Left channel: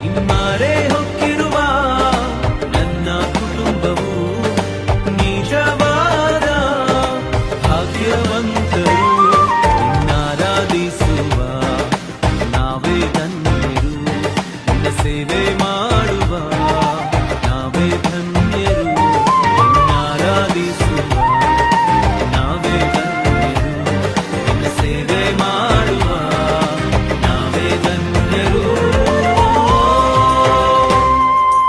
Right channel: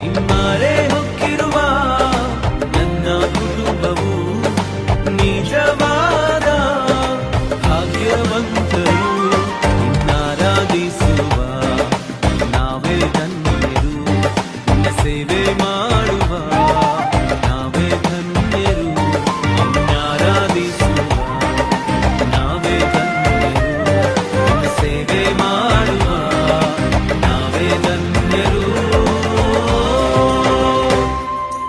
ನಿಮ್ಮರೆ ಹೊಕ್ಕಿರುವ ನನ್ನ ಕುಟುಂಬವು ನಿಜವಾದ ಭಾಗ್ಯವಂತರು ನಿನ್ನಾರಾಧಿಸುವ ನಾವೇ ಧನ್ಯರು, ನಿನ್ನ ಸೇವೆ ಮಾಡುವ ನಾವೇ ಧನ್ಯರು, ನಿನ್ನಾರಾಧಿಸುವ ನಾವೇ ಧನ್ಯರು, ನಿನ್ನ ಸೇವೆ